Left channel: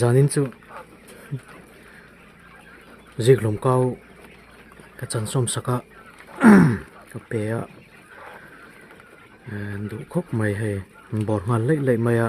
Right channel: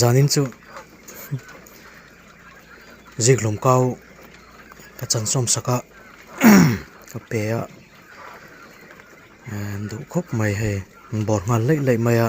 zanin chu zik lom kau ka chan som saka ka pe a du khop mai he bor ngal lei lei mai a